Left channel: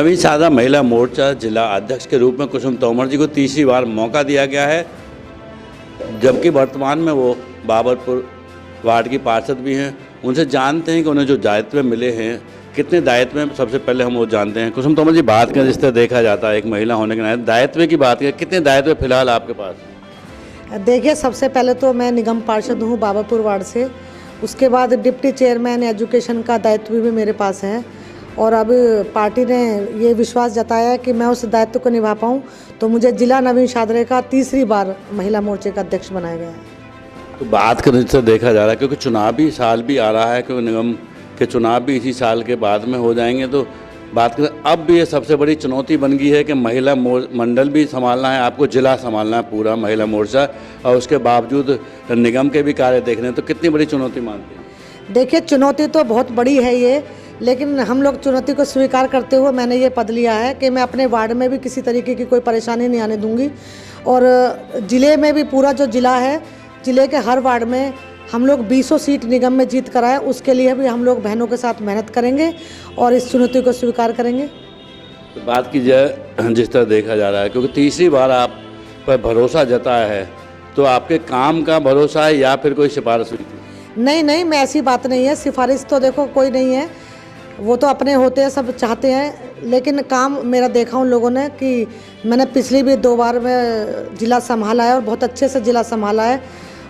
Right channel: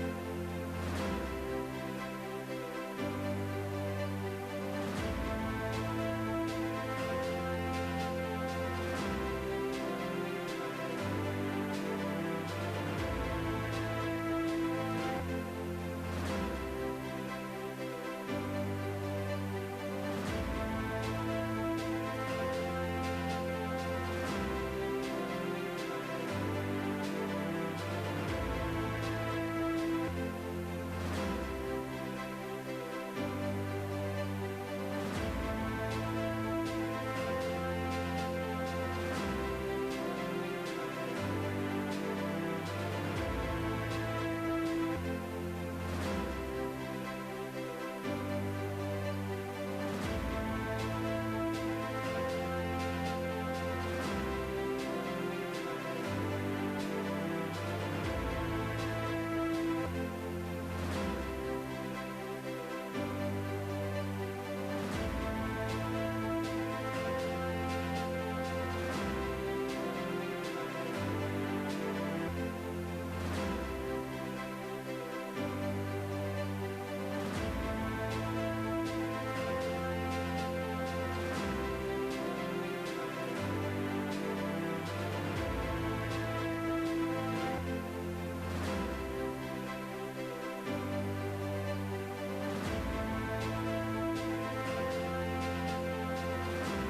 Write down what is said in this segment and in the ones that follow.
नवीन शाहरा महिला मोर्चा जिला अध्यक्ष के रूप में कुसुम तोमर जी को तीसरी बार मौका दिया गया है, जबकि वर्तमान में वो बाबरपुर वार्ड की पार्षद भी हैं। उनसे जानते हैं कि उन्हें जो दायित्व मिले हैं, कितने दायित्व में, सबसे पहले हम वो जानते हैं। कुसुम तोमर जी, बात करें जिस तरह देखा जाता है एक महिला होने के नाते, दायित्व की बात करें, कितने दायित्व फिलहाल आपके पास? देखिए, सबसे पहले तो मैं निगम पार्षद हूँ बाबरपुर वार्ड से। उसके बाद डिप्टी चेयरमैन एजुकेशन का दायित्व भी मेरे पास है, और अब पार्टी ने ये विश्वास जताया है कि मैं उस दायित्व को निभा पाऊँ, तो मुझे जिला नवीन शाहरा का तीसरी बार महिला मोर्चे का अध्यक्ष बनाया गया है। तो बात करें जिससे देखा जा रहा है, क्योंकि चुनावी साल भी आ रहा है, क्योंकि निगम के चुनाव भी इसी साल के बाद में हो जाएंगे, तो बात करें अब भी ये सबसे बड़ी चुनौती बन गई है कि महिला मंडल भी संभालना है, आपको जिला संभालना है पूरा महिला मोर्चा, और उसके बावजूद निगम के भी कार्य देखने हैं, तो कितनी बड़ी चुनौती मानते हैं? देखिए, चुनौती तो बहुत बड़ी है ये, लेकिन हम लोग चुनौती को स्वीकार करते हुए मैंने ये पद लिया है कि मैं अपने वार्ड में भी किसी तरीके की कोई परेशानी नहीं आने दूंगी, और ज़िले में भी पूरा जो ज़िला है, ज़िले के हर वार्ड में हम लोग 20 सीट निगम में जीत कराए, उसके लिए भी हम लोग बहनों के साथ मेहनत करेंगे और इस चुनौती को स्वीकार करेंगे। तो बात की जाए जिस तरह देखा जा रहा है, क्योंकि तीसरी बार आप पर भरोसा जताया है, तो आपके काम का भरोसा है या फिर कोई सिफारिश? नहीं, मैं ऐसी बात नहीं है, सिफारिश तो देखो कोई नहीं है, वो तो अपने होते हैं, सब चाहते हैं, लेकिन काम मेरा देखा उन लोगों ने कि मैंने पिछली भी 2 बार में जिला संभाला है और बहुत अच्छे से जिला संभाला है,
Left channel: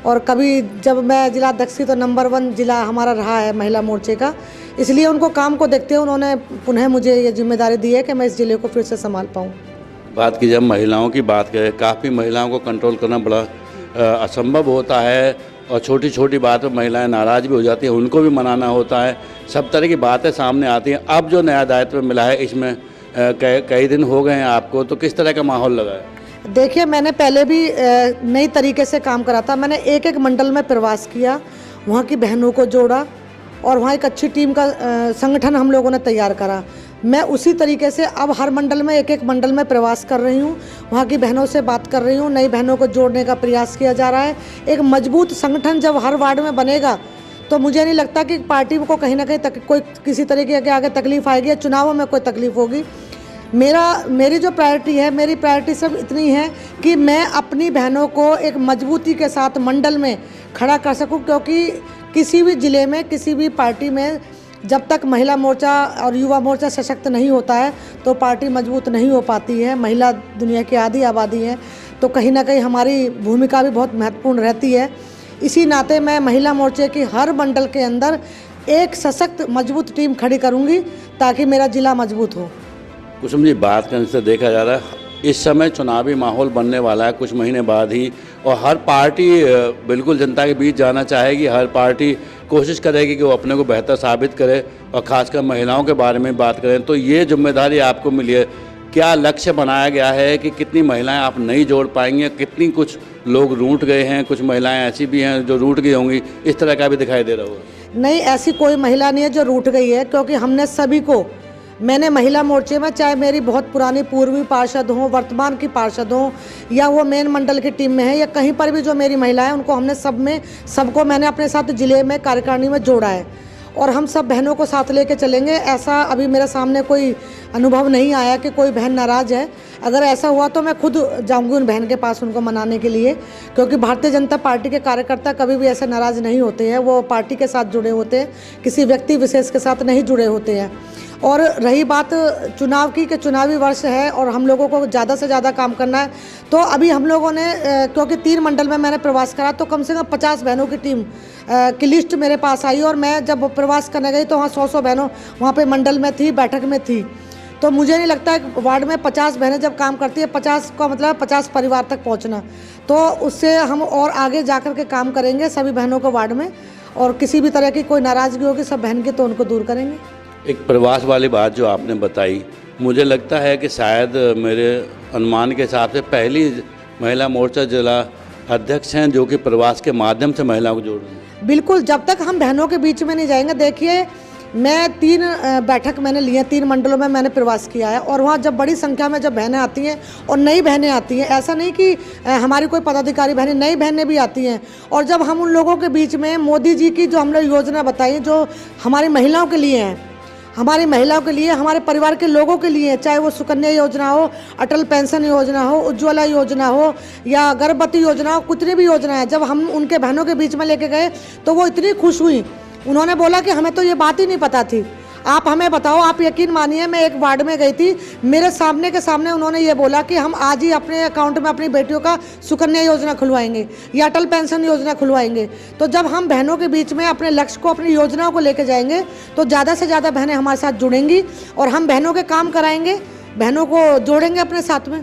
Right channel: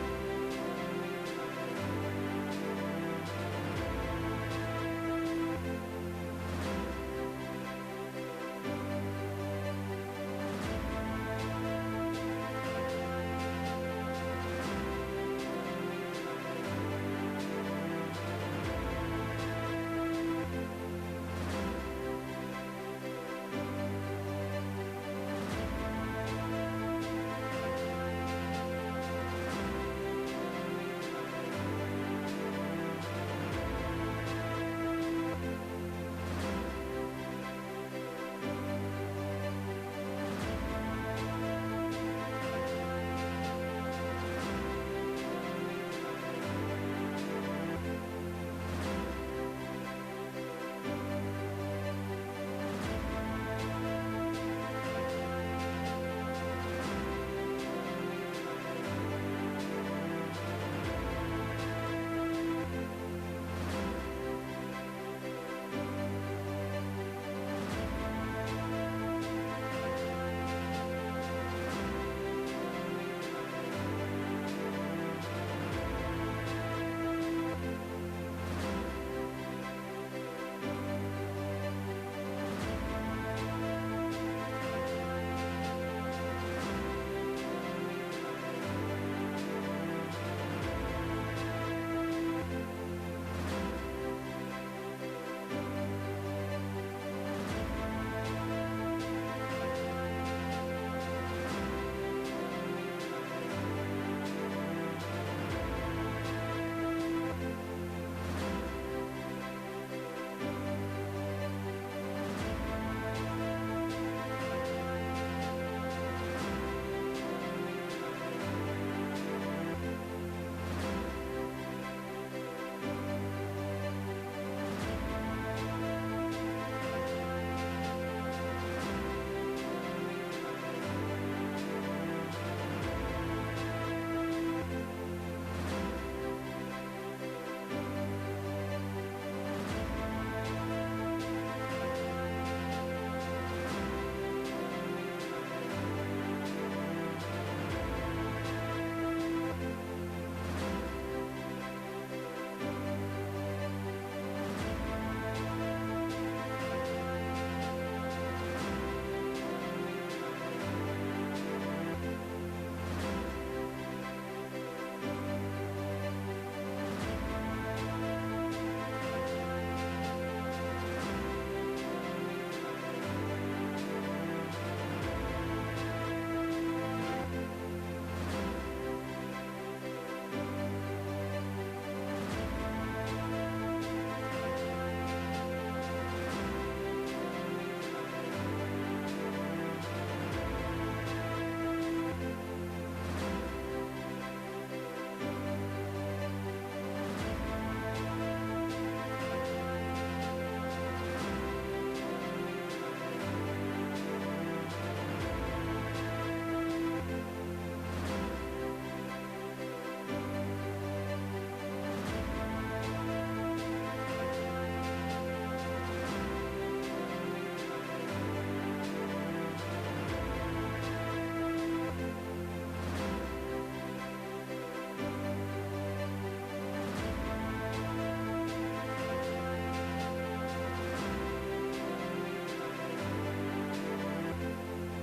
और कभी जब मैं जिला अध्यक्ष थी तो नंबर 1 जिला हमारा रहा है महिला मोर्चे का, इसलिए उनको काम को देखते हुए उन्होंने पुनः मुझे ये जिम्मेदारी दी है कि मैं इस जिले को फिर से संभाल पाऊँ। बात की जब महिलाओं की बात करें, काफ़ी महिलाओं को कंट्रोल करना बड़ा असंभव होता है, और छोटी छोटी बात पर महिलाएं नाराज़ भी हो जाती हैं, उनको भी मनाना होता है, सब तरह की बातें सामने आती हैं। अब जो नया दायित्व मिला है, इसमें कई दिन हो गए हैं आपको, तो किस तरह का माहौल लगा है? देखिए, मैंने पहले भी नई तरीके से काम करा था। मैंने एक मंडल में प्रवास किया, वहाँ की बहनों को जोड़ा, और वहाँ एक अच्छी टीम का संगठन हम लोगों ने तैयार करा। मैं उसी तरीके से अब हर मंडल में एक मंडल में प्रवास कर रही हूँ, वहाँ की बहनों से बात कर रही हूँ, नई बहनों को जोड़ने का प्रयास किया जा रहा है। एक मजबूत संगठन जब हर वार्ड में बनेगा, तो मुझे नहीं लगता कि पार्टी को कहीं ना कहीं कोई किसी तरीके के आगे तकलीफ आएगी या चुनावों में कोई तकलीफ होगी। मेरी जो प्रायोरिटी है, मेरी प्रायोरिटी सब इतनी है कि मैं अपनी बहनों को एक मजबूती के साथ मंडल में खड़ा कर सकूं, क्योंकि किसी भी ज़िले में, किसी भी पार्टी में जब तक महिला मोर्चा और युवा मोर्चा सशक्त नहीं होता है, तो पार्टी मजबूत नहीं हो पाती है। महिला दुनिया की आधी आबादी है, तो कहीं ना कहीं हमारी भूमिका भी बहुत महत्वपूर्ण रहती है। इसी नाते मैं महिला मोर्चे की हर मंडल के अंदर एक सशक्त मजबूत टीम खड़ी करूँगी, ताकि मेरा ज़िला मजबूत हो। कुसुम जी, बात करने से देखा जा रहा है इस समय चुनावी माहौल बनने वाला है कुछ महीने बाद ही, और हर पार्टी बिल्कुल जनता के बीच जाना चाहेगी, हर पार्टी कोशिश करेगी कि वो अपने को बेहतर साबित करे, और ख़ासकर महिलाओं के बारे में बात करें तो ये जिम्मेदारी आपको मिली है। क्या लक्ष्य बनाया गया है कि कितनी महिलाएं आप नहीं जोड़ पाएंगे, कितनी कुछ लोग रूठ गए हैं, कुछ महिलाएं ऐसी भी हैं जो रूठ गई होंगी, इस तरह का भी दिखाई दे रहा होगा? नहीं, ऐसी कोई महिला नहीं है जो रूठ गई है, क्योंकि हमने सभी को, मैंने महिला मोर्चे में, चाहे मेरी बहुत पुरानी पूर्वी पार्षद हों, वर्तमान की पार्षद हों, या वो मेन मंडल की टीम में है, या कहीं पर भी जो मेरी महिला है, उनको हमने सबको मैंने अपने साथ जिले में कार्यकारिणी में जोड़ा है, और हम सब बहनों को साथ लेके चलेंगे। ऐसा अभी मेरे सामने कोई अनुभव नहीं आया कि कोई बहन नाराज़ है। अगर ऐसा हुआ तो मैं खुद जाऊंगी उन बहन के पास उनको मनाने के लिए, क्योंकि भारतीय जनता पार्टी के कार्यकर्ता कभी भी ऐसे नाराज़ नहीं होते हैं, वो पार्टी के साथ जुड़े होते हैं, किसी व्यक्ति विशेष के साथ नहीं जुड़े होते हैं। और रही बात चुनाव की, कि चुनावी वर्ष है और हम लोगों को ज़्यादा से ज़्यादा काम करना है, तो अभी हम लोगों ने क्योंकि 3 मंडल में मैंने प्रवास करा, तो कम से कम 50 बहनों की टीम की लिस्ट मेरे पास आई, और मैं जब प्रवास करने गई तो वहाँ 100 बहनों वहाँ पे मंडल में थी, बैठक में थी। तो मुझे नहीं लगता है वार्ड में 50 बहनें जब काम करती है, 50 का मतलब 50 परिवार तक पहुँचना, तो उससे हम और आगे जा कर के काम करेंगे सभी बहनों को वार्ड में, और किसी भी तरह की कोई नाराज़गी होगी सब बहन की तो उनको दूर करेंगे। एक प्रवास वाली बात जो आपने बताई, मुझे लगता है कि शायद मेरे अनुमान के हिसाब से पहली महिला मोर्चा जिला अध्यक्ष हैं जो कि प्रवास के माध्यम से महिलाओं को जोड़। बिल्कुल, जब तक हम बहनों के बीच में नहीं जाएंगे। देखिए, मैं 3 बैठक मैंने ली है, 3 मंडलों में मैंने प्रवास किया है, और वहाँ जब बड़ी संख्या में जब बहनें आती हैं और नई बहनें आती हैं, ऐसा नहीं कि हमारी कोई पदाधिकारी बहनें, नई बहनें भी आती हैं, और जब हम उन लोगों के बीच में मोदी जी की जो हमने योजना बताई जो हमारी महिलाओं के लिए हैं, हमारी महिलाओं के लिए, हमारे परिवार के लोगों के लिए, चाहे वो सुकन्या योजना हो, अटल पेंशन योजना हो, उज्ज्वला योजना हो या गर्भवती योजना हो, कितनी भी योजना है, जब हम उनके बहनों के बीच में लेके गए तो वो इतनी खुश हुई। उन्होंने बोला कि हमें तो ये बात ही नहीं पता थी, आप हमें बताओ। आप यकीन मानिए, मैं एक वार्ड में गई थी, मेरे सामने के सामने उन्होंने ये बोला कि हम आज ही अपने अकाउंट में अपनी बेटियों का सुकन्या योजना खुलवाएंगे या अटल पेंशन योजना खुलवाएंगे। तो जब हम बहनों के बीच में अपने लक्ष्य को, अपनी योजनाओं को लेके जाएंगे तो ज़्यादा से ज़्यादा बहनें हमारे साथ जुड़ेंगी और हम बहनों के काम कराएंगे, बहनों को जोड़ेंगे अपने साथ में।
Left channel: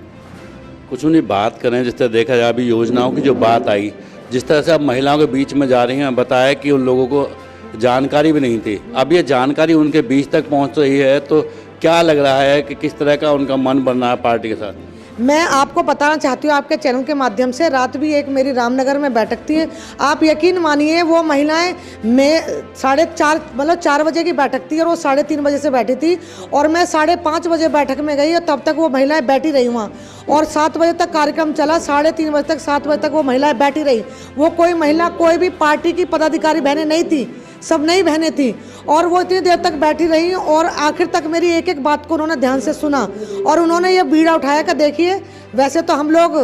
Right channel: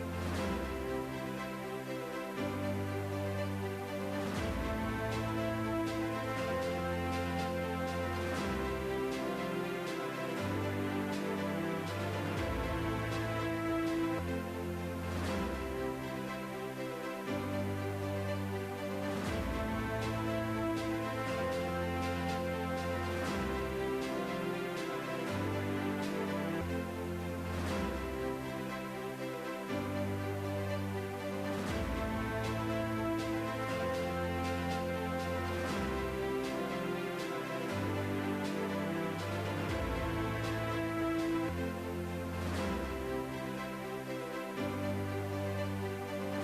कुछ उन्हीं बात करें, जिस तरह देखा जाए अभी योजनाओं की जो बात आई, जिस तरह से अब महिलाओं के बीच में जा रही हैं, बताया कि उन लोगों को जानकारी भी नहीं थी, अब ये जानकारी उनके बीच तक पहुंच रही है, तो क्या लग रहा है कि किस तरह का उनका मन बन रहा है पार्टी के साथ? मैं आपको बताना चाहती हूँ आपके चैनल के माध्यम से, रात भी एक मेरी रामनगर में बैठक थी। आप यकीन मानिए वो महिलाएं, मैं 4:30 मतलब 4 बजे की बैठक थी और वो 3:30 बजे से बैठी थी और मैं 5:30 बजे बैठक में गई और तब तक वो महिलाएं बैठी रही वहाँ और 7 बजे तक कार्यक्रम चला, 3:30 बजे तक 7 बजे तक वो महिलाएं बैठी रही। वो कोई महिला, कोई भी पार्टी की पदाधिकारी बहनें नहीं थी, सब नई बहनें थी और वो इतनी देर तक बैठी रही और आखिर तक मेरी एक एक बात को उन्होंने ध्यान से सुना और उन्होंने ये बीड़ा उठाया कि देखिए, वैसे तो हम लोग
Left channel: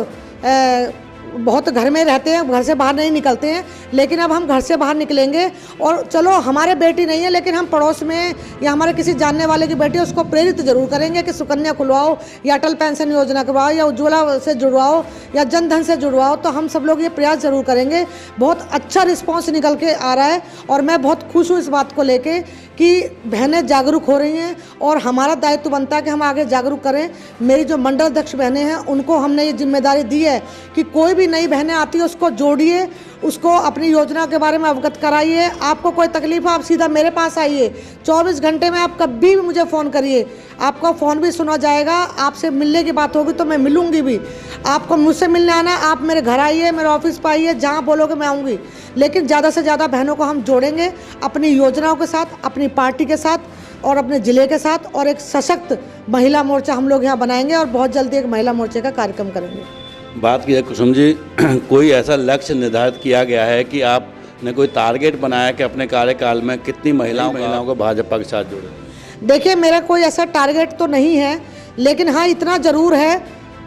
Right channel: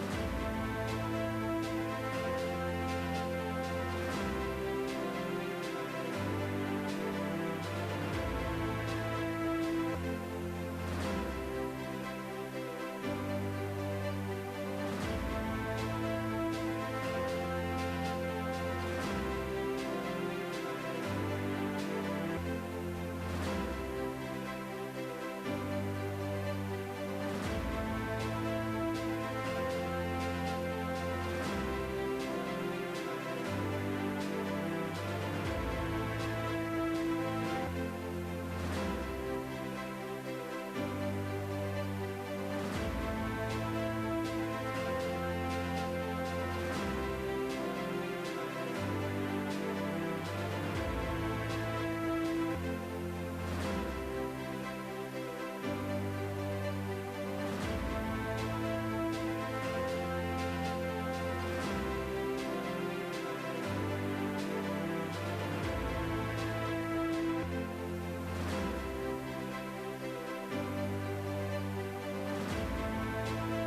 बहुत घर में रहते हैं, घर से बाहर नहीं निकलते हैं, लेकिन अब हम घर से बाहर निकलेंगे और चलो हमारे बेटी नहीं है लेकिन हम पड़ोस में या हमारे किसी जानने वाले की बेटी, उसको प्रेरित जरूर करेंगे कि सुकन्या खुलवाओ या अटल पेंशन योजना करवाओ या उज्ज्वला से जुड़वाओ या जन धन से जुड़वाओ। तो हम सब लोग ये प्रयास जरूर करेंगे। बहुत अच्छा रिस्पॉन्स निकल के आ रहा है और मैं बहुत खुश हूँ इस बात को लेके कि बहनें जागरूक हो रही हैं और हमारा दायित्व बनता है कि हम आगे जागरूक करें। मेरी जो मंडल अध्यक्ष बहनें हैं उनको हमने ये जिम्मेदारी दी है कि कोई भी नई बहनें आती है उसको जोड़िए, उसको अपनी योजना के बारे में अवगत कराइए। आपको कोई तकलीफ है आप सीधा मेरे पास आइए, 24 घंटे में आप कभी भी मुझे फ़ोन करिए, आपका फ़ोन भी सुना जाएगा। आपसे मिलने की बात होगी तो मैं मिलूंगी भी। आपको मुझसे मिलने आना, आप मेरे घर आइए, मेरे ऑफिस पर आइए, जहाँ बोलोगे मैं आऊँगी। लेकिन ज़्यादा से ज़्यादा बहनों को हम जोड़ेंगे अपनी योजनाओं के साथ, अपनी पार्टी के साथ और अपने ज़िले के साथ और एक सशक्त महिला मोर्चा हम लोग यहाँ बनाएंगे और बहुत जल्दी एक महिला मोर्चे का कार्यक्रम करेंगे। बात की है कुसुम जी, कोई ऐसा लक्ष्य निर्धारित किया गया है कि आपने कोई टारगेट बनाया कि अपने कार्यकाल में कितनी महिलाओं को भाजपा के साथ जोड़े? देखिए, मेरा कोई ऐसा टारगेट तो नहीं है, लेकिन हाँ इतना ज़रूर है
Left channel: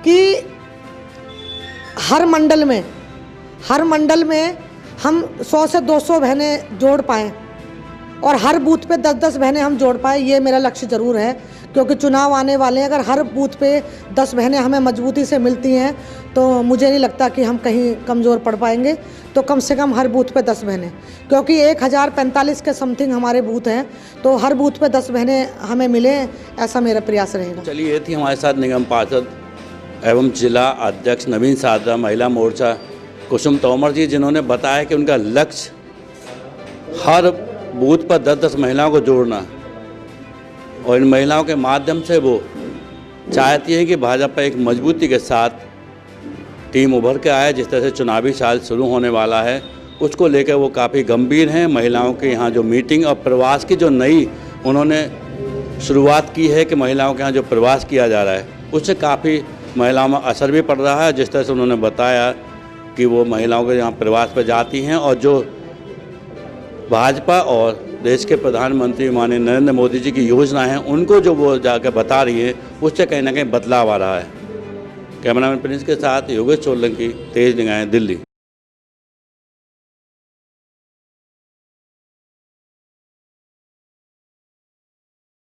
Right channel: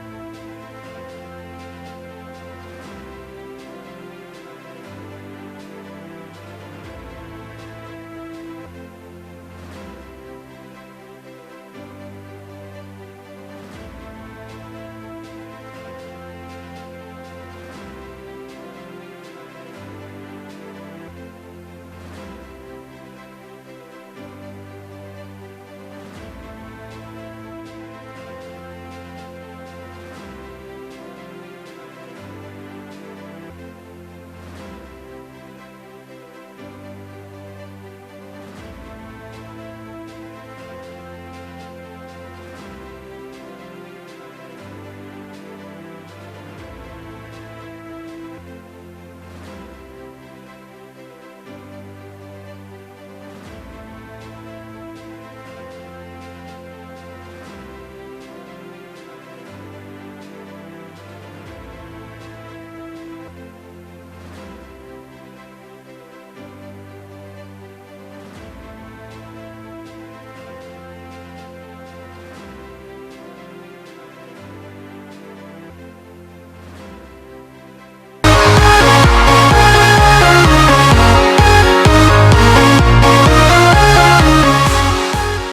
कि हर मंडल में हम 100 से 200 बहनें जोड़ पाएँ और हर बूथ पे 10-10 बहनें हम जोड़ पाएँ, ये मेरा लक्ष्य ज़रूर है। क्योंकि चुनाव आने वाले हैं, अगर हर बूथ पे 10 बहनें हमें मजबूती से मिलती हैं तो मुझे नहीं लगता कि हम कहीं कमज़ोर पड़ पाएंगे। तो कम से कम हर बूथ पे 10 बहनें, क्योंकि 1045 के समथिंग हमारे बूथ हैं, तो हर बूथ पे 10 बहनें हमें मिले, ऐसा मेरा प्रयास रहेगा। चलिए, ये थी हमारे साथ निगम पार्षद एवं जिला अध्यक्ष नवीन सादा महिला मोर्चा कुसुम तोमर जी, जिन्होंने बताया कि उनका लक्ष्य हर बूथ पर 10-10 महिलाओं को जोड़ना और इन महिलाओं के माध्यम से वो चाहती हैं कि भाजपा एक मजबूती के साथ टीम उभर के आए। जिस तरह से चुनावी साल शुरू होने वाला है उसको लेकर वो काफ़ी गंभीर हैं। महिलाओं के यहाँ जो मीटिंग और प्रवास की जो नई उन्होंने शुरुआत की है कि महिलाओं के यहाँ जो प्रवास किया जा रहा है उससे काफ़ी महिलाओं में असर भी पड़ रहा है। जिस तरह से उन्होंने बताया कि वो महिलाओं के यहाँ प्रवास पर जाती हैं और जो भाजपा और देश के प्रधानमंत्री माननीय नरेंद्र मोदी जी की योजना है उनको जो वो जाकर बता रही है उससे कहीं ना कहीं बदलाव आ रहा है। कैमरामैन प्रिंस के साथ योगेश सोलंकी, तेज निगाहें, दिल्ली।